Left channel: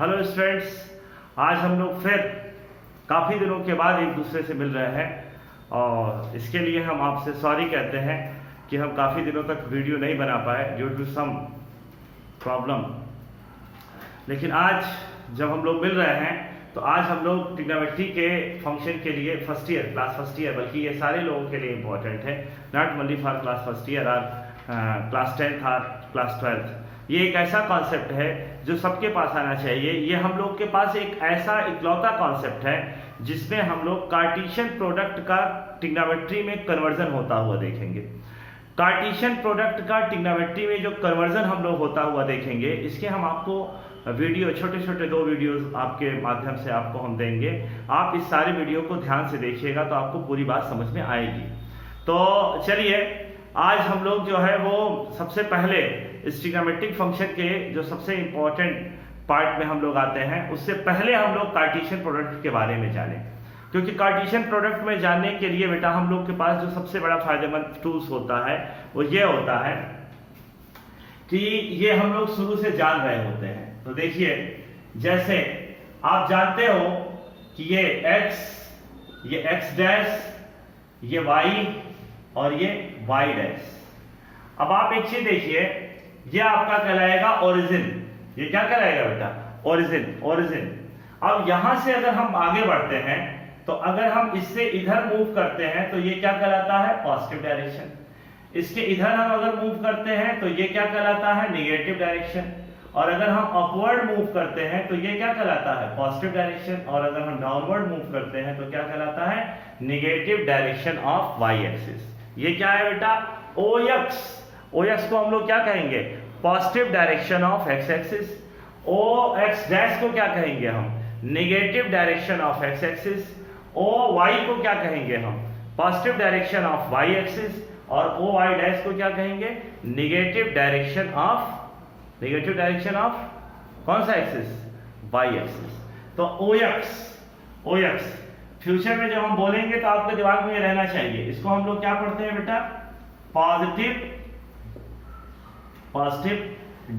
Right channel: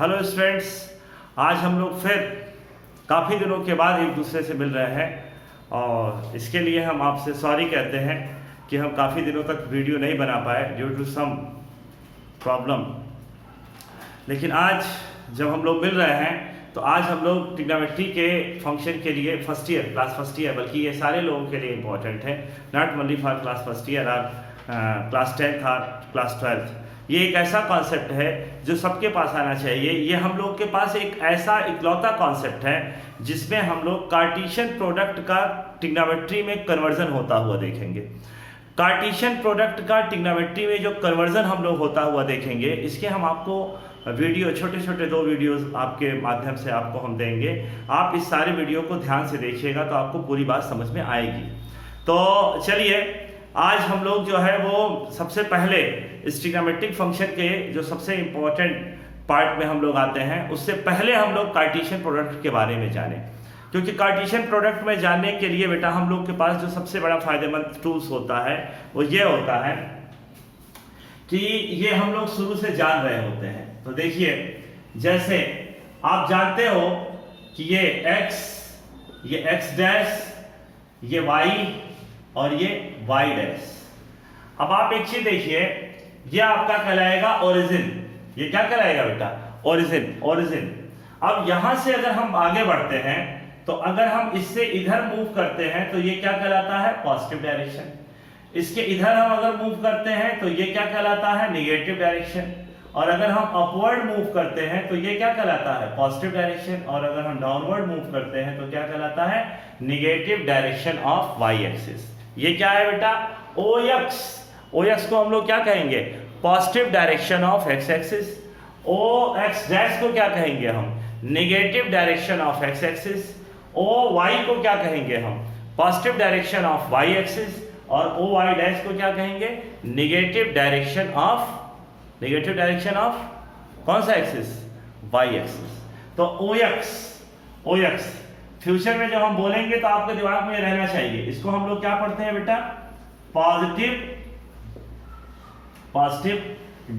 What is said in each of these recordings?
Hello students, आज हम लोग फिर काफ़ी दिनों के बाद एक दूसरे से मिल रहे हैं और इसके लिए हम आपसे सॉरी कहते हैं कि हम काफ़ी दिनों तक वीडियो नहीं बना पाए ड्यू टू सम प्रॉब्लम। लेकिन आज जब हम लोग मिल रहे हैं तो आज हम लोग ट्रिग्नोमेट्री के फंक्शन के लिए क्लास फर्स्ट ईयर, बल्कि ये सारे लोगों के लिए इम्पोर्टेंट है, not only for class first year और क्लास 10th और क्लास 12th। ये एक ऐसा कॉन्सेप्ट है जो सबके पास आना चाहिए। ये हम लोग के पास एक ऐसा इकलौता कॉन्सेप्ट है जिसमें हम लोग कार्टेशियन प्रोडक्ट का ट्रिग्नोमेट्री में कन्वर्जन होता हुआ देखेंगे। कार्टेशियन प्रोडक्ट का ट्रिग्नोमेट्री में जो कन्वर्जन हम लोग होता हुआ देखेंगे, इसके हम आपको वीडियो छोटे छोटे 2 वीडियोस आपके माध्यम से आपको हम देंगे। आप इस सारे वीडियो को ध्यान से देखिएगा तो आपको पूरी बात समझ में आएगी। तो चलिए, आज हम लोग जो है वो सबसे पहले इस ट्रिग्नोमेट्रिक फंक्शन के जो सबसे इम्पोर्टेंट पार्ट में हम लोग आते हैं, उससे पहले हम लोग कार्टेशियन प्रोडक्ट के बारे में जानें। क्योंकि कार्टेशियन प्रोडक्ट में जानने के लिए बेटा हम लोग के पास जो सबसे बड़ा फायदेमंद टूल्स होता है वो ये होता है कि ये हम लोग शुरू से जान रहे होते हैं। तो देखिए, जैसे आप जानते हो कि ये x डैश, ये y और ये y डैश। अब आप एक चीज देखिए, ये आपका कहलाएगा ओरिजिन। ये क्या कहलाएगा बेटा? ओरिजिन। अब यहां से अगर हम आगे बढ़ते हैं तो अगर हम इससे इधर मूव करते हैं तो ये क्या कहलाता है? Positive direction. इसके इधर हम अगर मूव करते हैं तो ये क्या कहलाता है? Negative direction. और अगर हम अपवर्ड मूव करते हैं तो ये क्या कहलाता है? Positive direction. और अगर हम डाउनवर्ड मूव करते हैं तो क्या कहलाता है? Negative direction of y axis. ये क्या है बेटा? OX को हम लोग क्या कहेंगे? Positive direction of x axis. OX dash को क्या कहेंगे हम? Negative direction of x axis. OY को क्या कहेंगे हम? Positive direction of y axis. और OY डैश को क्या कहेंगे? नेगेटिव डायरेक्शन ऑफ कौन सा एक्सिस? Y axis. तो OX फ्यूचर में जब हम बोलेंगे तो आपके दिमाग में रहना चाहिए। इसको हम लोग क्या पढ़ते हैं बेटा? Positive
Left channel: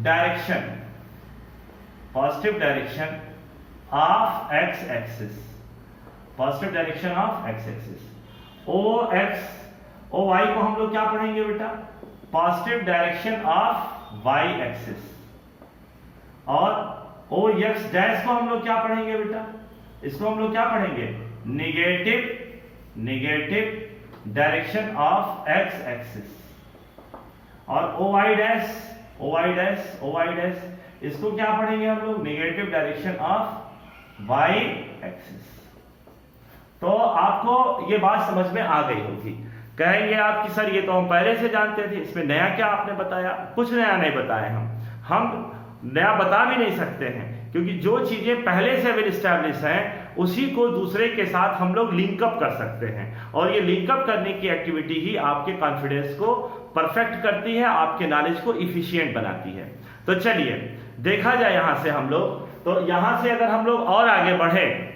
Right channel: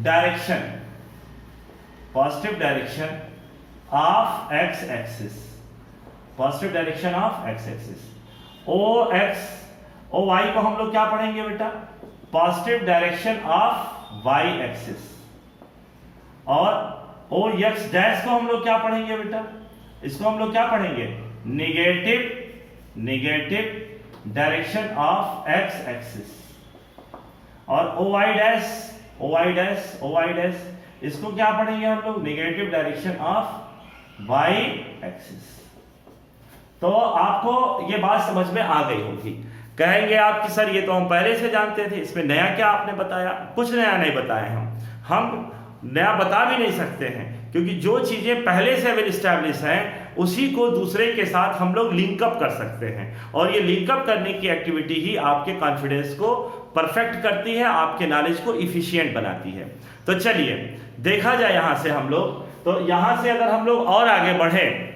direction of x axis. OY को हम लोग क्या पढ़ेंगे बेटा? Positive direction of y axis. और OX डैश को हम लोग क्या पढ़ेंगे बेटा? इसको हम लोग क्या पढ़ेंगे? Negative direction of x axis. और OY डैश इसको क्या पढ़ेंगे हम लोग? Negative direction of y axis. तो आपको ये बात समझ में आ गई होगी। कहेंगे आप कि सर ये तो हम पहले से जानते थे, इसमें नया क्या आपने बताया? कुछ नया नहीं बताया। हम नया बता भी नहीं सकते हैं, क्योंकि जो चीजें पहले से वेल एस्टैब्लिश हैं उसी को दूसरे के साथ हम लोग लिंकअप कर सकते हैं। और ये लिंकअप करने की एक्टिविटी ही आपके कॉन्फिडेंस को परफेक्ट करती है, आपके नॉलेज को इफिशिएंट बनाती है। तो चलिए देखा जाए यहां से हम लोग, तो यहां से अगर हम लोग और आगे बढ़े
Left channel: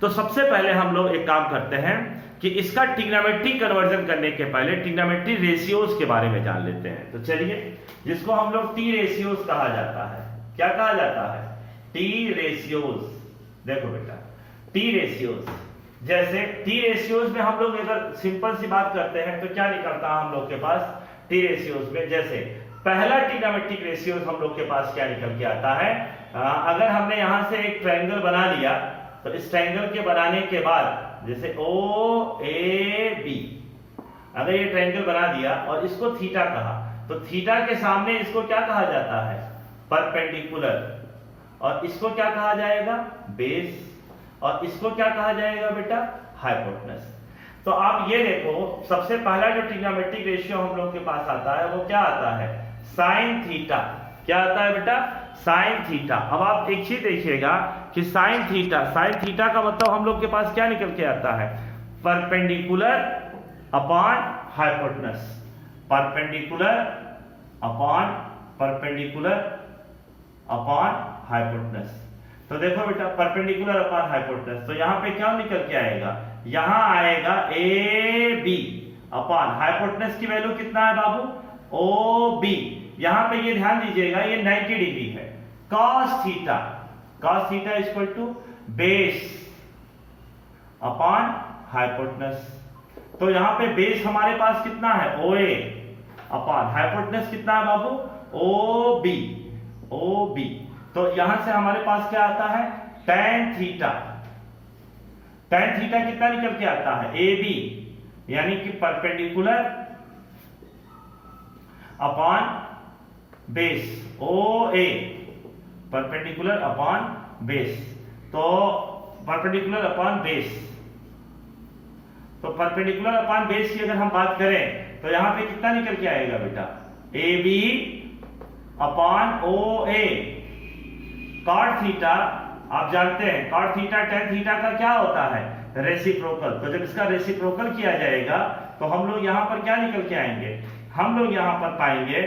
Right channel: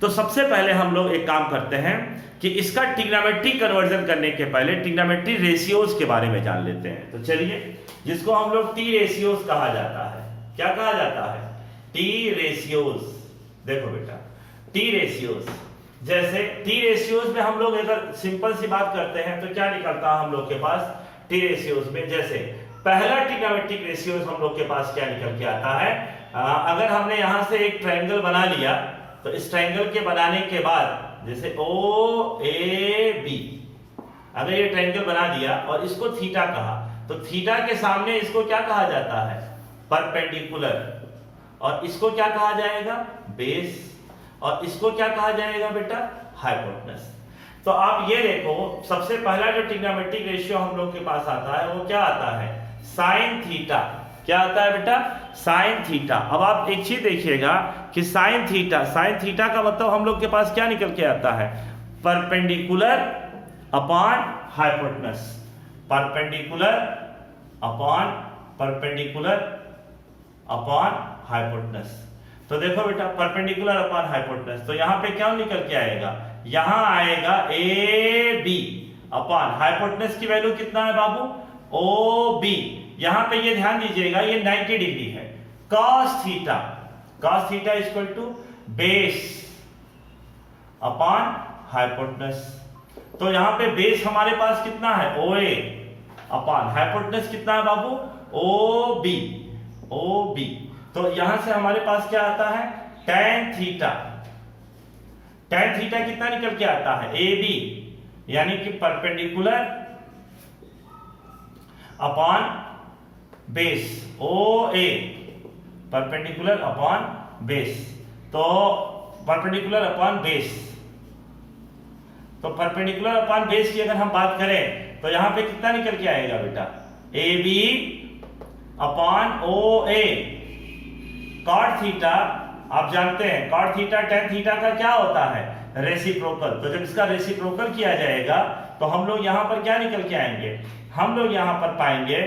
तो सबसे पहले हम लोग एक काम करते हैं कि इसका ट्रिग्नोमेट्री कन्वर्जन करने के पहले ट्रिग्नोमेट्री रेशियोज के बारे में जान लेते हैं। तो चलिए, जिसको हम लोग टी रेशियोज कहा जाता है। क्या कहा जाता है? T ratios. देखो बेटा, टी रेशियोज, जैसे टी रेशियोज में हम लोग अगर सिंपल सी बात करते हैं तो क्या निकलता है हम लोग के पास टी रेशियोज में? जैसे पहला ट्रिग्नोमेट्रिक रेशियोज हम लोग के पास क्या निकल के आता है? अगर हमने यहां से एक ट्रायंगल बना लिया तो इस ट्रायंगल के बनाने के बाद जैसे OAB, अगर ये ट्रायंगल बना दिया और इसको थीटा कहा तो थीटा के सामने इसको क्या कहा जाता है? परपेंडिकुलर। और इसको क्या कहा जाएगा? बेस। और इसको क्या कहा जाएगा बेटा? हाइपोटेनस। तो आप ये देखो, सबसे पहला जो ट्रिग्नोमेट्रिक रेशियो हम लोग के पास आता है वो क्या आता है? Sine theta. क्या आता है बेटा? Sine theta. अब आप एक चीज देखिएगा कि साइन थीटा का मतलब हम लोग के पास क्या निकल के आता है? Perpendicular upon hypotenuse. Perpendicular upon hypotenuse. तो देखो बेटा, परपेंडिकुलर अपॉन हाइपोटेनस, तो यहां पे क्या निकल के आएगा? यहां आएगा AB अपॉन हाइपोटेनस की वैल्यू कितना है बाबू? OB। यहां पे ये ध्यान दीजिएगा, ये 90 डिग्री है। cos theta cos theta equal to base upon hypotenuse. तो यहां पे बेस हमारे पास कितना है OA अपॉन हाइपोटेनस कितना है बाबू OB। तो यहां से हमारे पास क्या आता है tan थीटा कितना निकल के आता है AB यानी कि perpendicular upon base OA perpendicular upon base. तो परपेंडिकुलर अपॉन बेस, तो परपेंडिकुलर अपॉन बेस की अगर हम बात करें तो यहां पे कितना निकल के आएगा बेटा AB upon OA। Cot theta आप जानते हैं कॉट थीटा tan थीटा का क्या होता है रेसिप्रोकल। तो जब इसका रेसिप्रोकल किया जाएगा तो हम लोग यहां पर क्या निकल के आएंगे, हम लोग यहां पर पाएंगे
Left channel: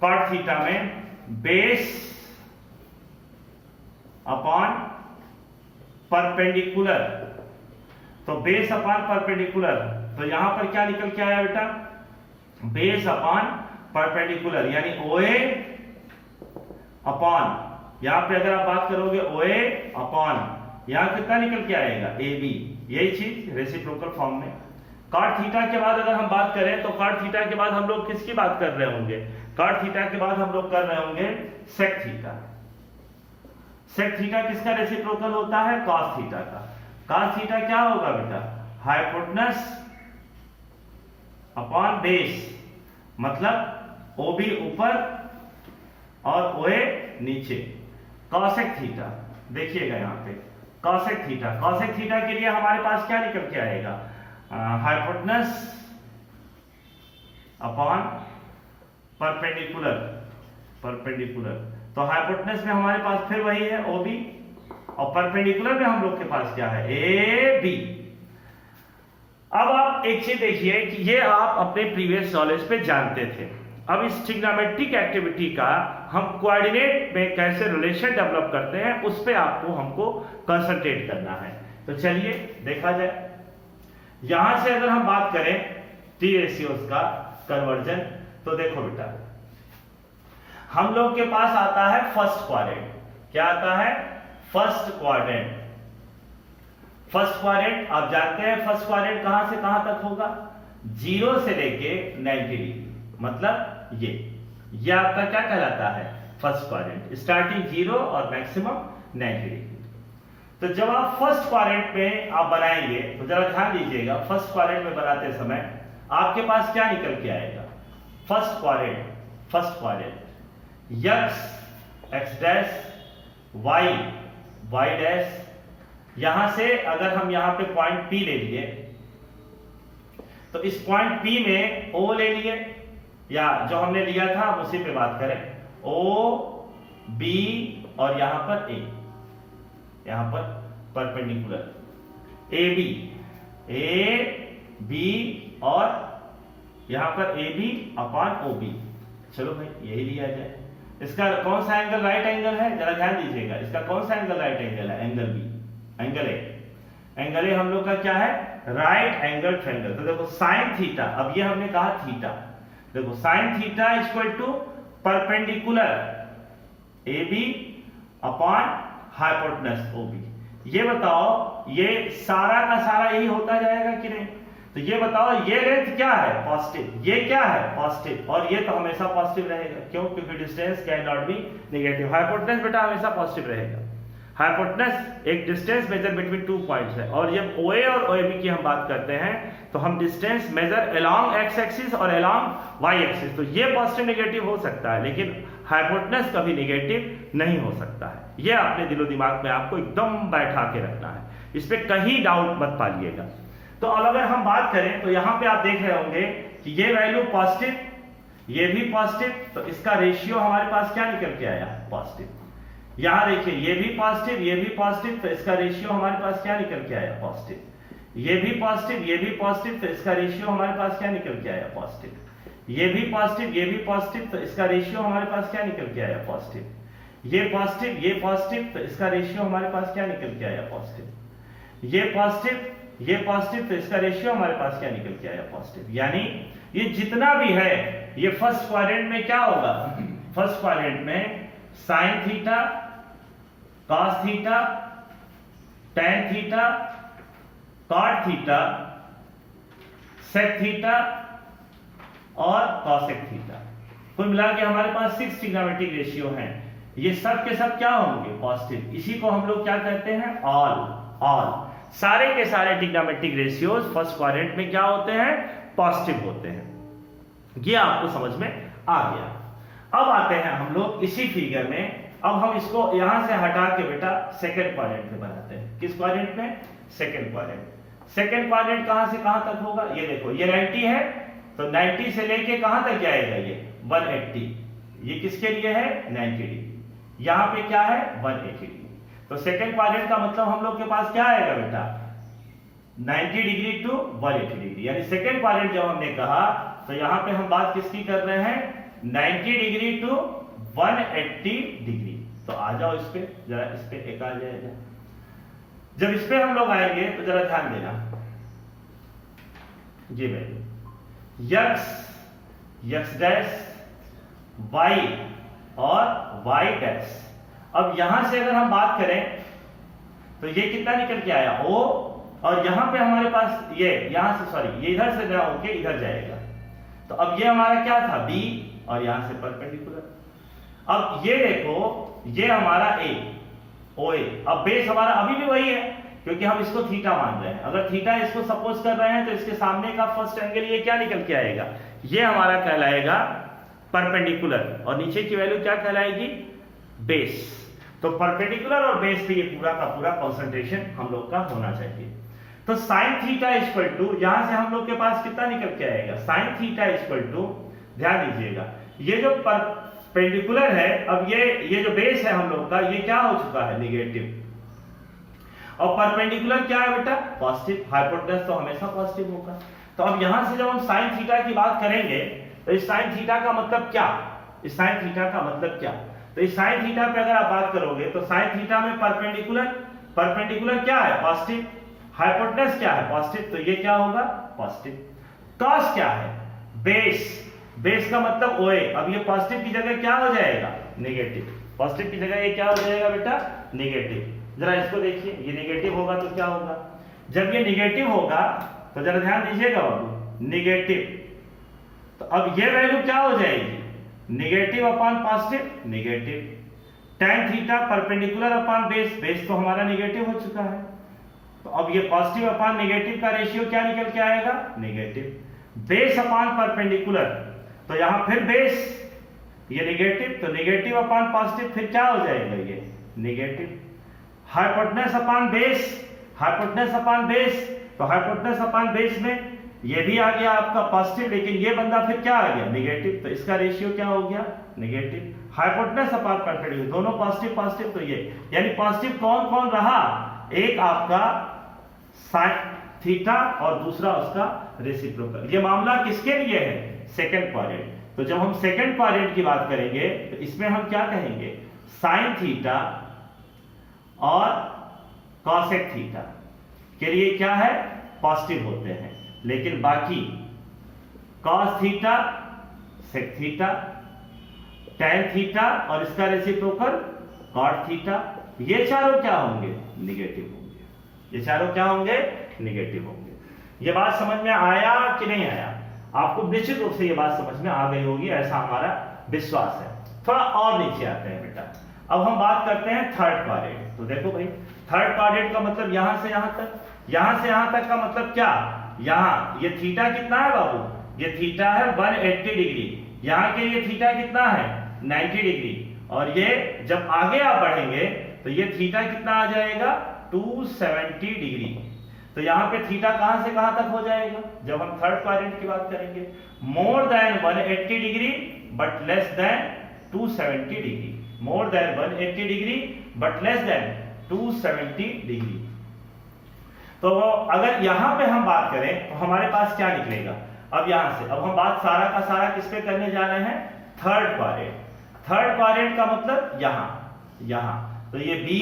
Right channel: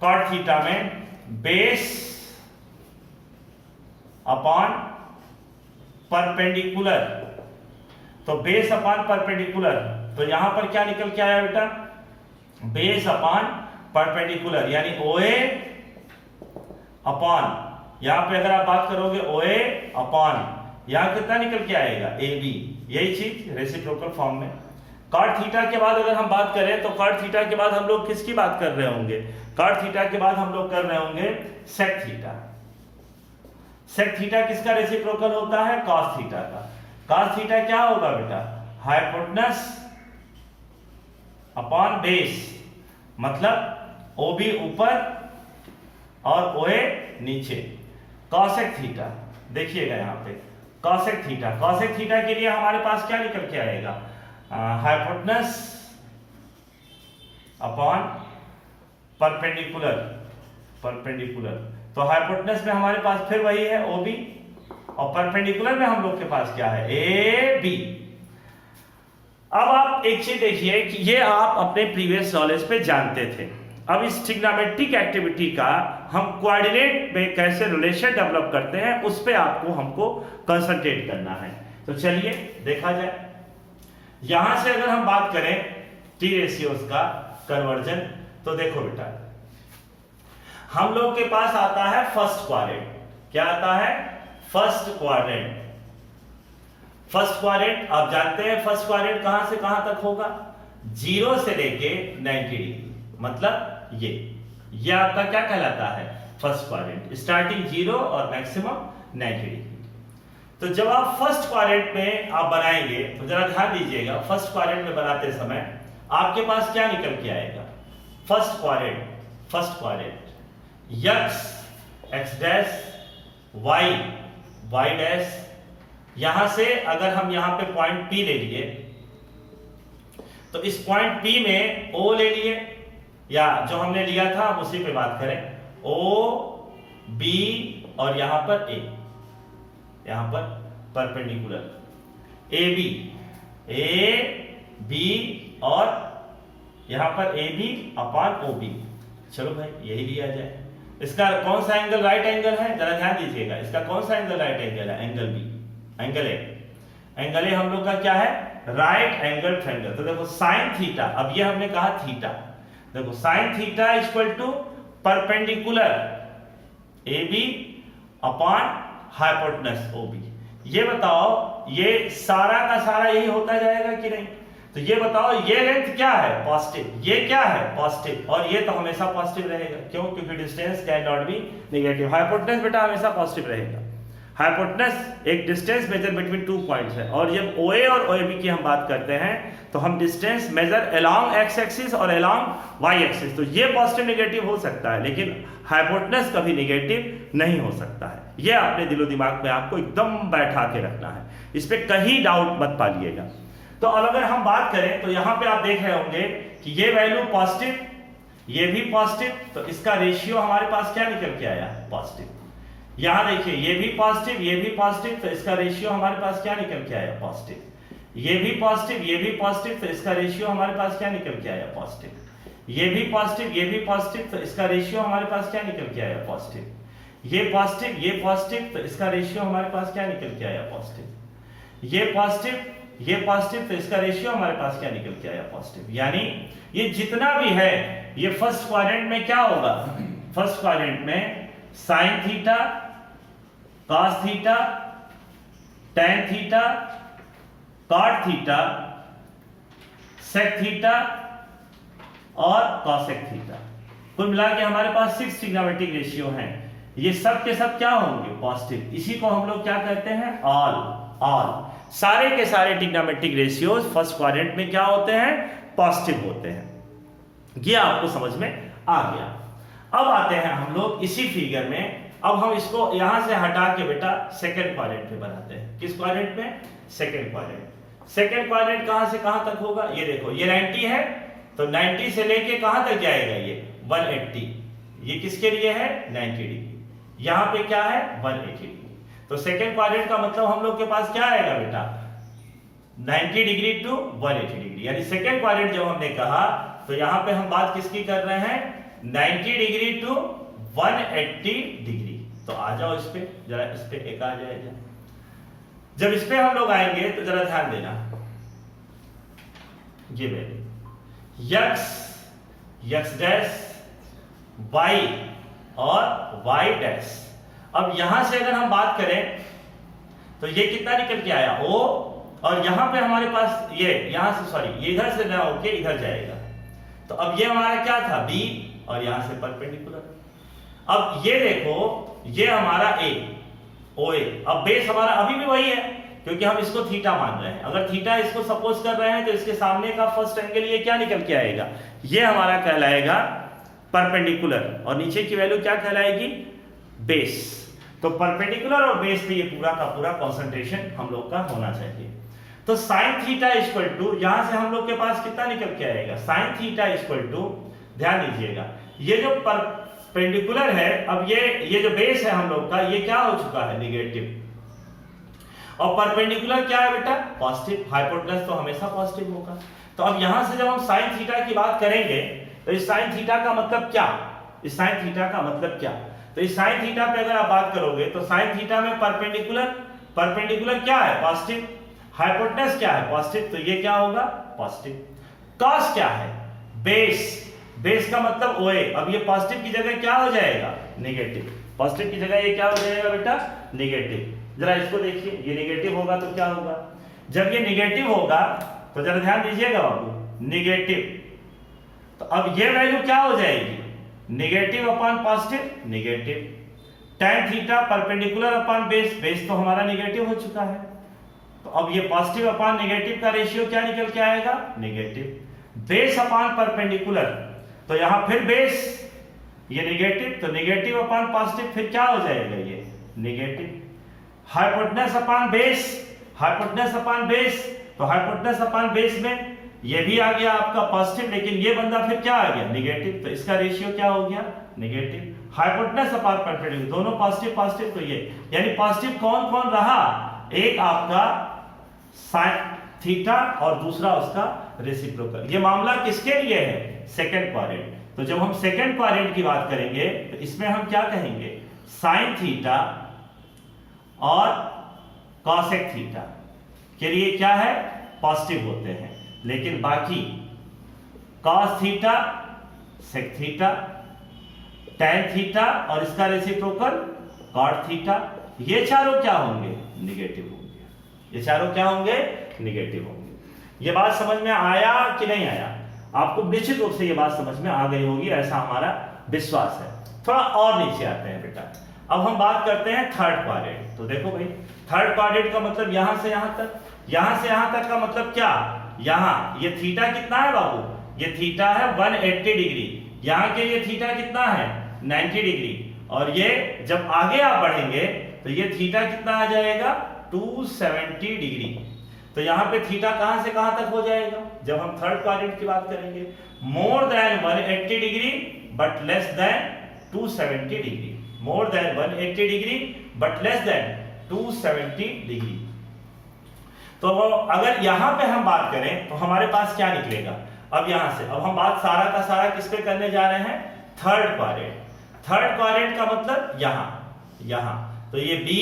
कॉट थीटा में बेस अपॉन परपेंडिकुलर। तो बेस अपॉन परपेंडिकुलर, तो यहां पर क्या निकल के आया बेटा बेस अपॉन परपेंडिकुलर यानी OA अपॉन, यहां पे अगर आप बात करोगे OA अपॉन यहां कितना निकल के आएगा AB। यही चीज रेसिप्रोकल फॉर्म में। कॉट थीटा के बाद अगर हम बात करें तो कॉट थीटा के बाद हम लोग किसकी बात कर रहे होंगे, कॉट थीटा के बाद हम लोग कर रहे होंगे सेक थीटा। सेक थीटा किसका रेसिप्रोकल होता है कॉस थीटा का। कॉस थीटा क्या होगा बेटा हाइपोटेनस अपॉन बेस, मतलब OB ऊपर और OA नीचे। कॉसेक थीटा देखिएगा यहां पे कॉसेक थीटा के लिए हमारे पास क्या निकल के आएगा हाइपोटेनस अपॉन परपेंडिकुलर। तो हाइपोटेनस में हमारे पास फिर वही है OB और परपेंडिकुलर में हम लोग के पास क्या है AB। अब आप एक चीज देखिए कि ये आप अपने प्रीवियस नॉलेज पे जानते थे। अब इस ट्रिग्नोमेट्रिक एक्टिविटी का हम कोऑर्डिनेट में कैसे रिलेशन डेवलप करते हैं उस पे हमको कंसंट्रेट करना है। तो चलिए देखा जाए। यहां से अगर हम बात करें टी रेशियोज का कन्वर्जन, तो देखो बेटा हम लोग के पास आता है फर्स्ट क्वाड्रेंट। क्या आता है फर्स्ट क्वाड्रेंट आप जानते हैं फर्स्ट क्वाड्रेंट कहां से कहां तक होगा 0 से लेके 90 डिग्री, मतलब ये आपका क्या कहलाता है फर्स्ट क्वाड्रेंट, स्टार्टिंग 0 और मैक्सिमम 90 डिग्री। तो जब आप फर्स्ट क्वाड्रेंट में आप बनाएंगे तो जरा ध्यान दीजिएगा, फर्स्ट क्वाड्रेंट में बनाते समय आपके पास क्या निकल के आएगा first quadrant x dash y dash. यहां से अगर हम यहां पे पॉइंट P ले लिए तो इस पॉइंट P में O ले लिए, या जो हमने लिया था हम उसी पे बात करें O B और यहां पर A, यहां पर परपेंडिकुलर A B और यहां पर AB अपॉन OB। चलो भाई यही लिया जाए। इसका कौन सा एंगल राइट एंगल है जरा ध्यान दीजिएगा, इसका कौन सा एंगल राइट एंगल है एंगल B। एंगल ए हम लोग का क्या है राइट एंगल ट्रायंगल। तो देखो साइन थीटा, अब ये हमने कहा थीटा, देखो sine theta equal to perpendicular AB upon hypotenuse OB। ये बताओ ये सारा का सारा यही होता जाएगा कि नहीं। तो ये बताओ ये लेंथ क्या है पॉजिटिव, ये क्या है पॉजिटिव, और ये तो हमेशा पॉजिटिव रहेगा। क्यों, क्योंकि distance can not be negative. Hypotenuse बेटा हमेशा पॉजिटिव रहेगा। हाइपोटेनस एक डिस्टेंस मेजर बिटवीन 2 पॉइंट्स है, और जब OA और OB की हम बात करते हैं तो हम distance measure along x axis और अलोंग y एक्सिस। तो ये पॉजिटिव नेगेटिव हो सकता है लेकिन हाइपोटेनस कभी नेगेटिव नहीं हो सकता है। ये अपने दिलो दिमाग में आपको एकदम बैठा के रखना है, इस पे कहीं डाउट मत पालिएगा। तो अब अगर हम बात करें तो यहां पे आप देख रहे होंगे कि ये वैल्यू पॉजिटिव, ये भी पॉजिटिव, तो इसका रेशियो हमारे पास क्या निकल के आया पॉजिटिव। यहां देखिए ये भी पॉजिटिव, ये भी पॉजिटिव, तो इसका रेशियो हमारे पास क्या निकल के आया पॉजिटिव। ये भी पॉजिटिव, ये भी पॉजिटिव, तो इसका रेशियो हमारे पास क्या निकल के आया पॉजिटिव। ये भी पॉजिटिव, ये भी पॉजिटिव, तो इसका रेशियो हमारे पास क्या निकल के आया पॉजिटिव। ये पॉजिटिव, ये पॉजिटिव, तो इसका रेशियो हमारे पास क्या निकल के आया पॉजिटिव। ये पॉजिटिव, ये पॉजिटिव, तो इसका रेशियो हमारे पास क्या निकल के आया पॉजिटिव। यानी ये जितना भी है ये फर्स्ट क्वाड्रेंट में क्या होगा, फर्स्ट क्वाड्रेंट में sine theta cos theta, tan theta, cot theta, sec theta और cosec थीटा। कुल मिला के हमारे पास 6 ट्रिग्नोमेट्रिक रेशियो हैं। ये सब के सब क्या होंगे? पॉजिटिव। इसी को हम लोग क्या कहते हैं? ऑल। सारे के सारे ट्रिग्नोमेट्रिक रेशियोज फर्स्ट क्वाड्रेंट में क्या होते हैं? पॉजिटिव होते हैं। ये आपको समझ में आ गया। अब आते हैं हम लोग इसी फिगर में। अब हम इसको यहां से हटा के बेटा सेकंड क्वाड्रेंट में बनाते हैं। किस क्वाड्रेंट में? Second quadrant. सेकंड क्वाड्रेंट कहां से कहां तक होगा? ये देखो, ये 90 है तो 90 से लेके कहां तक जाएगा? ये 180। ये किसके लिए है? 90 डिग्री। यहां पे क्या है? 180 डिग्री। तो सेकंड क्वाड्रेंट का मतलब हम लोग के पास क्या आएगा बेटा? 90 डिग्री टू 180 डिग्री। यानी सेकंड क्वाड्रेंट जब हमने कहा तो यहां पे हम बात किसकी कर रहे हैं? 90 डिग्री टू 180 डिग्री। तो आ जाओ इस पे, जरा इस पे एक आ जाएगा। जब इस पे हम लोग आएंगे तो जरा ध्यान देना, ये भाई यक्स डैश वाई और वाई डैश। अब यहां से अगर हम बात करें तो ये कितना निकल के आया? ओ, और यहां पे हमारे पास ये यहां से सॉरी ये इधर से ना होके इधर जाएगा। तो अब ये हमारा क्या था? बी, और यहां से परपेंडिकुलर। अब ये देखो, ये हमारा ए, ओ ए। अब बेस हमारा अभी भी वही है क्योंकि हम इसको थीटा मान रहे हैं। अगर थीटा इसको सपोज कर रहे हैं तो इसके सामने का फर्स्ट एंगल ये क्या निकल के आएगा? ये हमारा कहलाएगा परपेंडिकुलर, और नीचे की वैल्यू क्या कहलाएगी? बेस। तो परपेंडिकुलर और बेस पे ये पूरा का पूरा कंसंट्रेशन हम लोग का होना चाहिए। तो साइन थीटा इक्वल टू, यहां से हम लोग के पास कितना निकल के आएगा? साइन थीटा इक्वल टू, ध्यान दीजिएगा, ये जो परपेंडिकुलर है, अब ये जो बेस है हम लोग का, ये क्या हो चुका है? नेगेटिव। और परपेंडिकुलर क्या है बेटा? पॉजिटिव। हाइपोटेनस तो हमेशा पॉजिटिव होगा। तो अब यहां से जब हम साइन थीटा की बात करेंगे तो इस साइन थीटा का मतलब क्या? इस साइन थीटा का मतलब क्या? तो इस साइन थीटा पे अगर आप बात करोगे तो साइन थीटा में परपेंडिकुलर क्या है? पॉजिटिव। हाइपोटेनस क्या है? पॉजिटिव। तो ये क्या होगा? पॉजिटिव। कॉस क्या है? बेस का मतलब ओए। अब ये पॉजिटिव की जगह क्या हो जाएगा? नेगेटिव। पॉजिटिव की जगह ये क्या हो जाएगा बेटा? नेगेटिव। जरा इसको देखिए, ये नेगेटिव होगा तो क्या होगा? जब ये नेगेटिव होगा तो जरा ध्यान दीजिएगा बाबू, नेगेटिव, तो अब ये वैल्यू क्या हो जाएगी? Negative upon positive, negative. tan theta perpendicular upon base तो हमारा नेगेटिव हो चुका है। तो अब ये पॉजिटिव अपॉन नेगेटिव का रेशियो क्या निकल के आएगा? नेगेटिव। बेस अपॉन परपेंडिकुलर, तो यहां फिर बेस, ये नेगेटिव, तो नेगेटिव अपॉन पॉजिटिव फिर क्या हो जाएगा? ये नेगेटिव। हाइपोटेनस अपॉन बेस, तो हाइपोटेनस अपॉन बेस में ये भी आ गया आपका पॉजिटिव, लेकिन ये बंदा फिर क्या आ गया? नेगेटिव। तो इसका रेशियो क्या हो गया? नेगेटिव। हाइपोटेनस अपॉन परपेंडिकुलर, दोनों पॉजिटिव, तो ये यानी पॉजिटिव कौन कौन रहा? एक आपका साइन थीटा और दूसरा उसका रेसिप्रोकल। ये मामला किसके लिए है? Second quadrant. तो जब हम सेकंड क्वाड्रेंट की बात करेंगे तो इसमें हम क्या कहेंगे? साइन थीटा और कॉसेक थीटा के लिए क्या है? पॉजिटिव होते हैं, लेकिन बाकी cos theta, sec theta, tan theta और इसका रेसिप्रोकल कॉट थीटा, ये चारों क्या होंगे? निगेटिव होंगे। ये चारों क्या होंगे? निगेटिव होंगे। ये बात समझ में आया कि नहीं आया? आपको निश्चित रूप से ये बात समझ में आ गई होगी, ऐसा हमारा विश्वास है। थोड़ा और नीचे आते हैं बेटा। अब हम बात करते हैं थर्ड क्वाड्रेंट। तो देखो भाई, थर्ड क्वाड्रेंट का मतलब यहां से यहां तक, यहां से यहां तक का मतलब क्या? यहां ये थीटा कितना है बाबू? ये थीटा है 180 डिग्री। यहां के ये थीटा कितना है? 90 डिग्री। और ये जब आगे आप बढ़ेंगे तो ये थीटा कितना आ जाएगा? 270 डिग्री। तो यहां पे थीटा कहां से कहां तक हो जाएगा जब हम थर्ड क्वाड्रेंट की बात करेंगे? More than 180 degree but less than 270 degree. More than 180 degree but less than 270 degree. तो अगर यहां पे हम बात करें तो हमारे पास क्या निकलेगा? अब यहां से अब हम बात सारा का सारा किस पे करने जा रहे हैं? Third quadrant. थर्ड क्वाड्रेंट का मतलब यहां तो ये बी,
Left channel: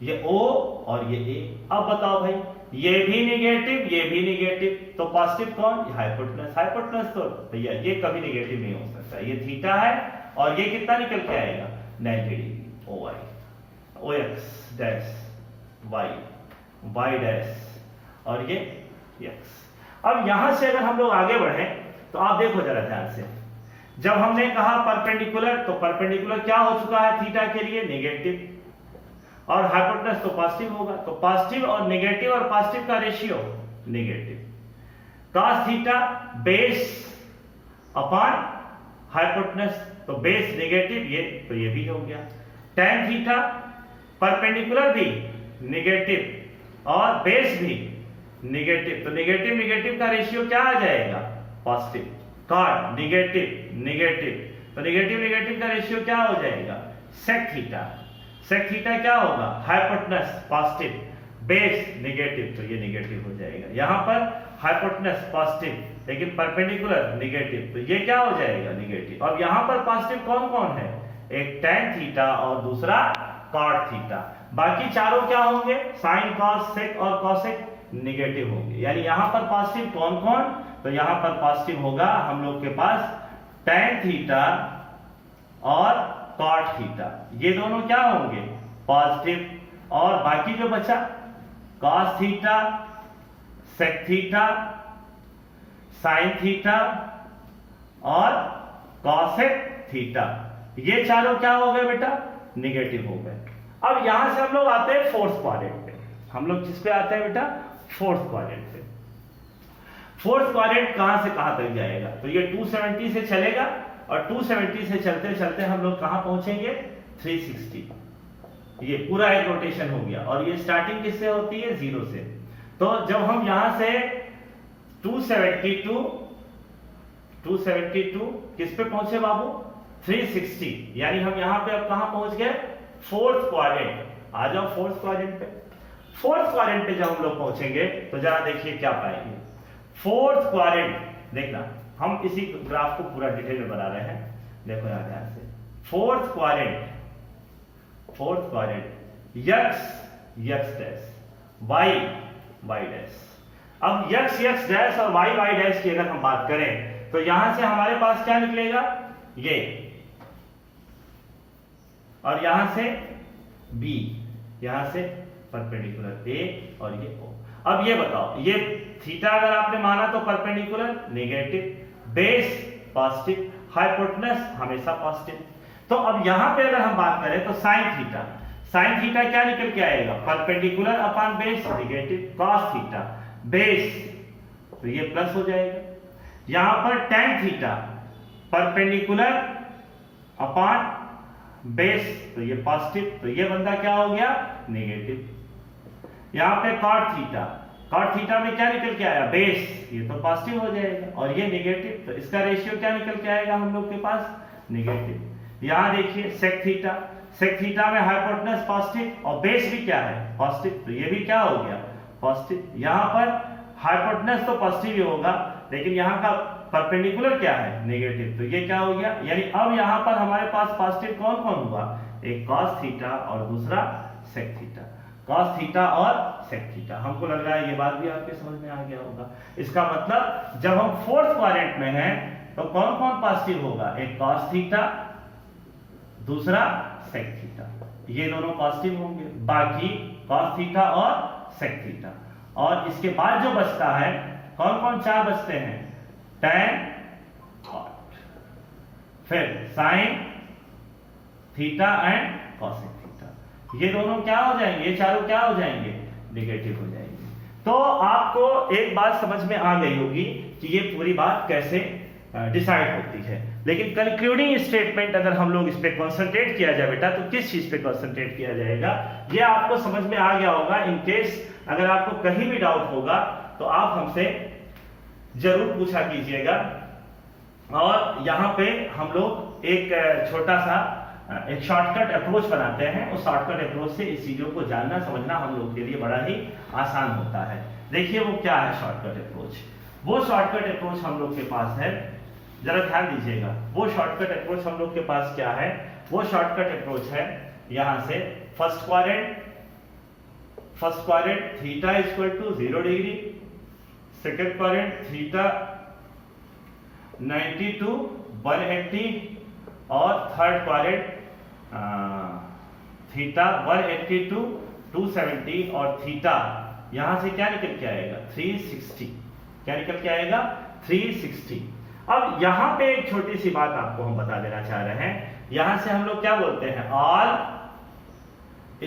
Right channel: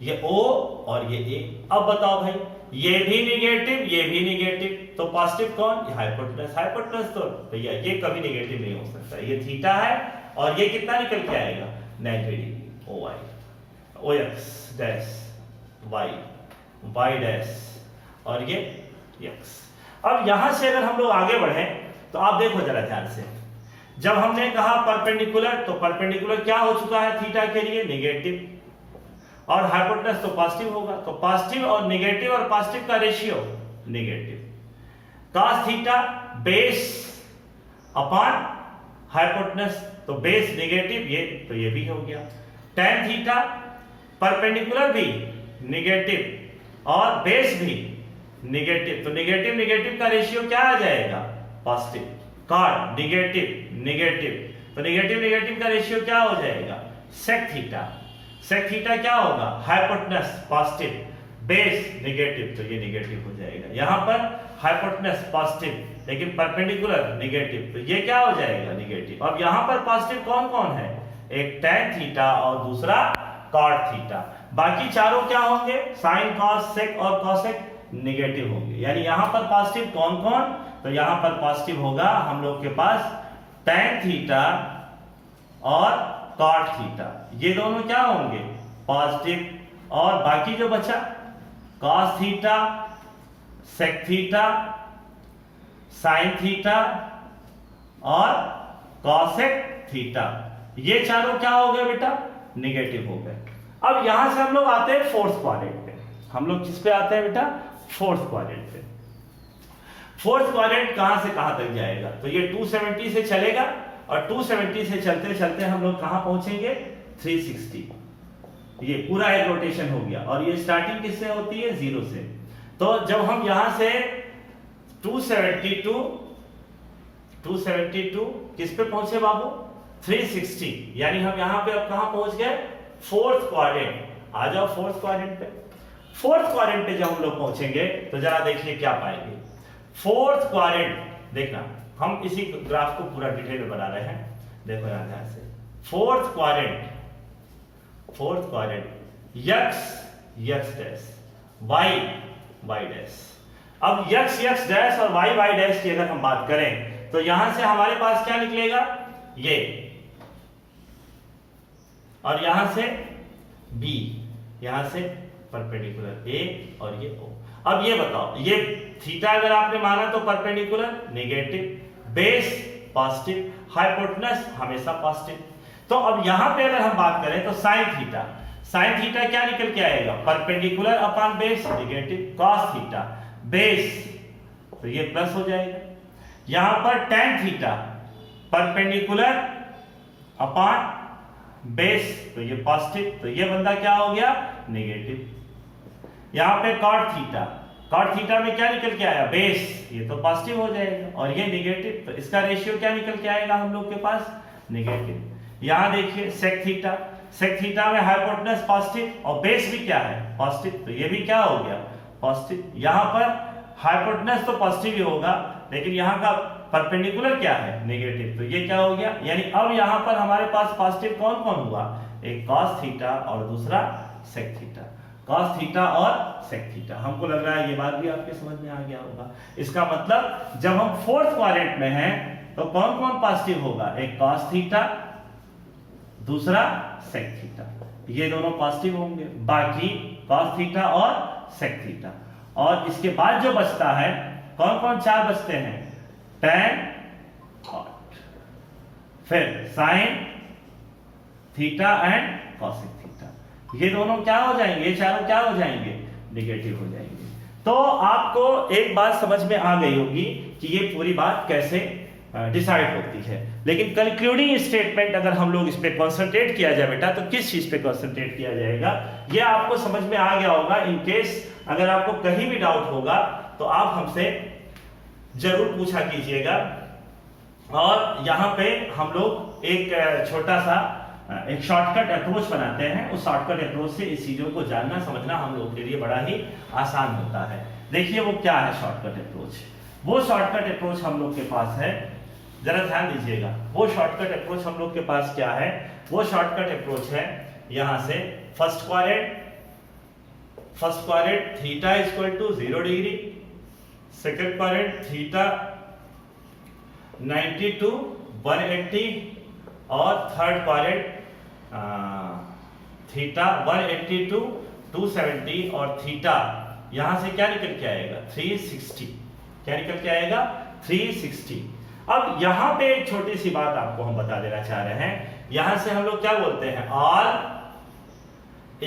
ये ओ और ये ए। अब बताओ भाई, ये भी निगेटिव, तो पॉजिटिव कौन? हाइपोटेनस तो भैया ये कभी निगेटिव नहीं हो सकता। ये थीटा है और ये कितना निकल के आएगा? 90 degree. O X dash Y, Y dash और ये एक्स। अब यहां से अगर हम लोग आगे बढ़े तो आप देखो जरा ध्यान से, जब हमने कहा परपेंडिकुलर, तो परपेंडिकुलर क्या हो चुका है थीटा के लिए नेगेटिव, और हाइपोटेनस तो पॉजिटिव होगा, तो पॉजिटिव और नेगेटिव और पॉजिटिव का ratio negative. cos theta base upon hypotenuse, तो बेस नेगेटिव, ये तो ये भी हो गया। tan थीटा परपेंडिकुलर भी नेगेटिव और बेस भी नेगेटिव, तो नेगेटिव नेगेटिव का रेशियो क्या आ जाएगा पॉजिटिव। cot नेगेटिव नेगेटिव, तो नेगेटिव नेगेटिव का रेशियो क्या हो जाएगा sec थीटा। sec थीटा क्या होगा हाइपोटेनस पॉजिटिव, बेस नेगेटिव, तो ये नेगेटिव हो जाएगा। यहां पर हाइपोटेनस पॉजिटिव लेकिन परपेंडिकुलर नेगेटिव, तो ये क्या हो जाएगा नेगेटिव। अब यहां पर पॉजिटिव कौन कौन है, एक tan थीटा और दूसरा cot थीटा, बाकी चारों क्या होंगे sin cos sec और cosec नेगेटिव होंगे। यानी यहां पर पॉजिटिव कौन कौन, तो यहां पर पॉजिटिव होगा हम लोग के पास tan थीटा और cot थीटा, ये दोनों क्या होंगे पॉजिटिव, और बाकी जो बचा cos theta, sec theta, sin theta और cosec थीटा, ये चारों क्या हो गए बेटा नेगेटिव हो गए। अब यहां से हम लोग आते हैं फोर्थ क्वाड्रेंट पे। हम लोग किस पे आते हैं बेटा फोर्थ क्वाड्रेंट पे। फोर्थ क्वाड्रेंट कहां से कहां तक जाएगा, तो ये 270 से चलेगा और 270 से चलते चलते हम लोग कहां पहुंचेंगे 360, ये पूरा एक रोटेशन हो गया। और ये स्टार्टिंग किससे होती है 0 से, तो जब हम यहां से 272 किस पे पहुंचे बाबू 360, यानी हम यहां पे अब कहां पहुंच गए फोर्थ क्वाड्रेंट। आ जाओ फोर्थ क्वाड्रेंट पे। फोर्थ क्वाड्रेंट पे जब हम लोग पहुंचेंगे तो जरा देखिए क्या पाएंगे। फोर्थ क्वाड्रेंट देखना, हम इसी ग्राफ को पूरा डिटेल में बना रहे हैं, देखो यहां ध्यान से। Fourth quadrant x dash y dash. अब x डैश और y डैश की अगर हम बात करें तो यहां से हमारे पास क्या निकलेगा ये, और यहां से b, यहां से परपेंडिकुलर a और ये o। अब ये बताओ, ये थीटा अगर आपने माना तो perpendicular negative, base positive, hypotenuse हमेशा पॉजिटिव। तो अब यहां पे अगर हम बात करें तो साइन थीटा क्या निकल के आएगा perpendicular upon base negative, cos theta base, तो ये प्लस हो जाएगा। यहां पर tan theta perpendicular upon base, तो ये पॉजिटिव, तो ये बंदा क्या हो गया नेगेटिव। यहां पे cot थीटा में क्या निकल के आया बेस, ये तो पॉजिटिव हो जाएगा, और ये नेगेटिव, तो इसका रेशियो क्या निकल के आएगा हम लोग के पास नेगेटिव। यहां देखिए sec थीटा में हाइपोटेनस पॉजिटिव और बेस भी क्या है पॉजिटिव, तो ये भी क्या हो गया पॉजिटिव। यहां पर हाइपोटेनस तो पॉजिटिव ही होगा लेकिन यहां का परपेंडिकुलर क्या है नेगेटिव, तो ये क्या हो गया। यानी अब यहां पर हमारे पास पॉजिटिव कौन कौन हुआ, एक cos थीटा और दूसरा sec थीटा। cos थीटा और sec थीटा, हमको लग रहा है ये बात भी आपके समझ में आ गया होगा। इसका मतलब जब हम फोर्थ क्वाड्रेंट में हैं तो कौन कौन पॉजिटिव होगा, एक cos थीटा दूसरा sec थीटा, ये दोनों पॉजिटिव होंगे, बाकी cos थीटा और sec थीटा। और इसके बाद जो बचता है कौन कौन चार बचते हैं, tan cot, फिर sin theta and cosec theta, ये दोनों क्या हो जाएंगे, ये चारों क्या हो जाएंगे नेगेटिव हो जाएंगे। तो आपको एक बात समझ में आ गई होगी कि ये पूरी बात कैसे डिसाइड होती है। लेकिन कंक्लूडिंग स्टेटमेंट अगर हम लोग इस पे कंसंट्रेट किया जाए बेटा, तो किस चीज पे कंसंट्रेट किया जाएगा ये आपको समझ में आ गया होगा। इन केस अगर आपको कहीं भी डाउट होगा तो आप हमसे जरूर पूछा कीजिएगा। और यहाँ पे हम लोग एक छोटा सा एक शॉर्टकट अप्रोच बनाते हैं, उस शॉर्टकट अप्रोच से इस चीजों को जानना समझना हम लोग के लिए बड़ा ही आसान होता है। देखिए वो क्या है शॉर्टकट अप्रोच। वो शॉर्टकट अप्रोच हम लोग के पास है, जरा ध्यान दीजिएगा। वो शॉर्टकट अप्रोच हम लोग के पास क्या है, वो शॉर्टकट अप्रोच है यहां से first quadrant theta equal to 0 degree, second quadrant theta 90 to 180 और थर्ड क्वाड्रेंट थीटा 180 to 270 और थीटा यहां से क्या निकल के आएगा 360। क्या निकल के आएगा 360। अब यहां पे एक छोटी सी बात आपको हम बता देना चाह रहे हैं। यहां से हम लोग क्या बोलते हैं, ऑल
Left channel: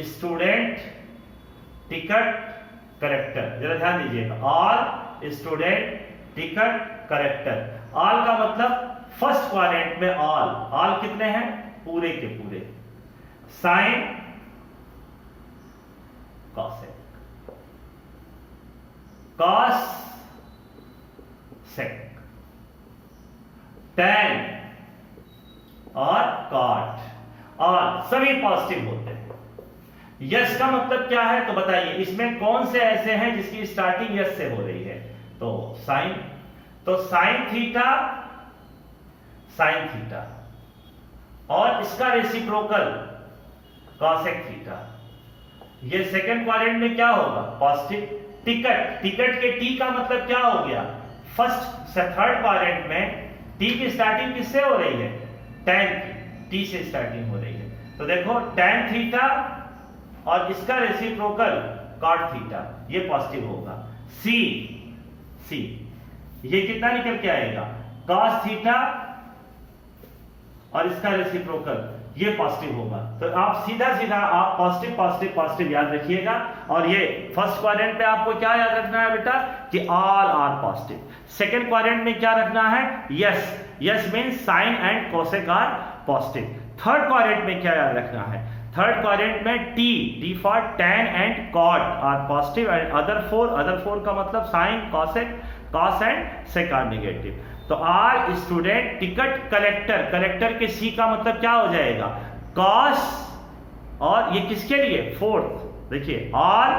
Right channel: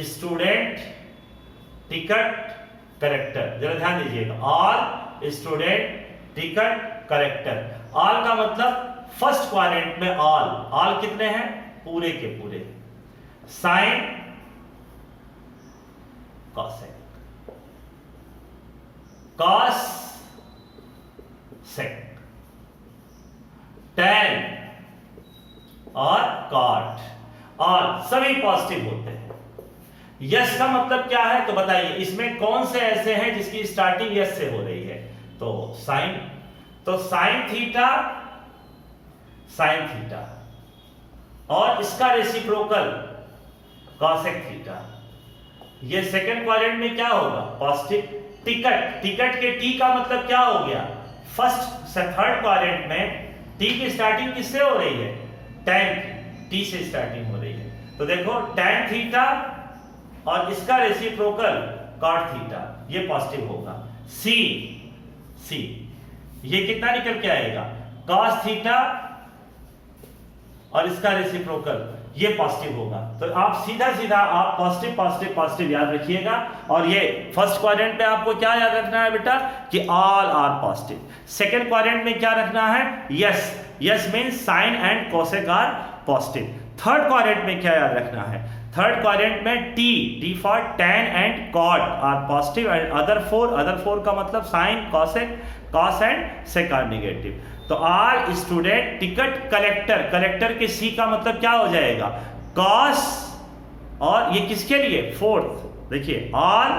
स्टूडेंट टिकट करेक्टर। जरा ध्यान दीजिएगा, all student ticket character. All का मतलब फर्स्ट क्वाड्रेंट में ऑल कितने हैं, पूरे के पूरे। Sine cosec, cos sec, tan और कॉट, और सभी पॉजिटिव होते हैं। यस का मतलब क्या है, तो बताइए इसमें कौन से ऐसे हैं जिसकी स्टार्टिंग यस से हो रही है, तो साइन। तो साइन थीटा और इसका रेसिप्रोकल कॉसेक थीटा। ये सेकंड क्वाड्रेंट में क्या होगा, पॉजिटिव। टिकट के टी का मतलब क्या हो गया, फर्स्ट से थर्ड क्वाड्रेंट में टी की स्टार्टिंग किससे हो रही है, टैन टी से स्टार्टिंग हो रही है। तो देखो टैन थीटा और इसका रेसिप्रोकल कॉट थीटा, ये पॉजिटिव होगा। सी ये कितना निकल के आएगा, कॉस थीटा और इसका रेसिप्रोकल, ये पॉजिटिव होगा। तो आप सीधा आप पॉजिटिव याद रखिएगा। और ये फर्स्ट क्वाड्रेंट में आपको क्या याद रखना है बेटा, कि all are positive. Second quadrant में क्या रखना है, yes means sine and cosec are positive. Third quadrant में क्या याद रखना है, थर्ड क्वाड्रेंट में T for tan and cot are positive and other four का मतलब sine cosec cos and sec are negative. तो आर स्टूडेंट टिकट कलेक्टर के सी का मतलब क्या हो जाएगा, कॉस, और ये किसके लिए, फोर्थ। देखिए all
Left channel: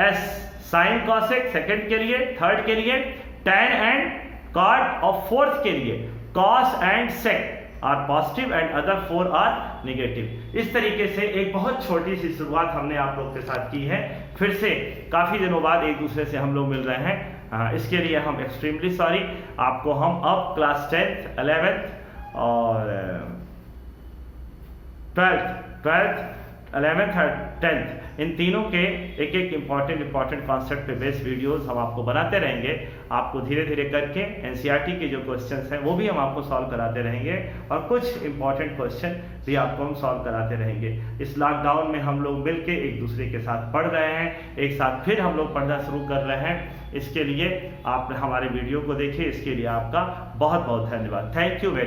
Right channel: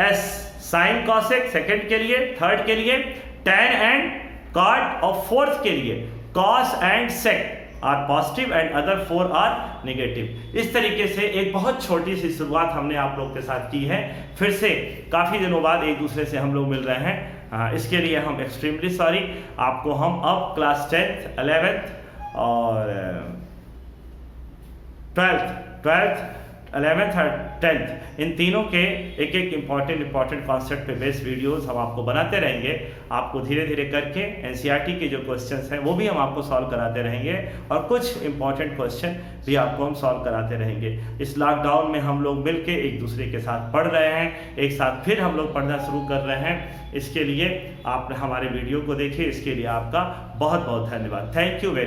S sine cosec second के लिए, थर्ड के लिए टैन एंड कॉट, और फोर्थ के लिए cos and sec are positive and other four are negative. इस तरीके से एक बहुत छोटी सी शुरुआत हमने आप लोग के साथ की है। फिर से काफ़ी दिनों बाद एक दूसरे से हम लोग मिल रहे हैं, इसके लिए हम एक्सट्रीमली सॉरी। आपको हम अब क्लास 10th 11th और 12th 11th और 10th इन तीनों के एक इंपॉर्टेंट कॉन्सेप्ट पे बेस्ड वीडियोस हम आपको बनाते रहेंगे। आपको धीरे धीरे करके एनसीईआरटी के जो क्वेश्चंस हैं वो भी हम आपको सॉल्व कराते रहेंगे, और कुछ इंपॉर्टेंट क्वेश्चन भी आपको हम सॉल्व कराते रहेंगे। इस लॉकडाउन में हम लोग मिलके एक दूसरे के साथ पढ़ रहे हैं, एक साथ फिर हम लोग पढ़ना शुरू कर रहे हैं। इसके लिए आप हमारे वीडियो को देखिए, इसके लिए आपका बहुत बहुत धन्यवाद। Thank you very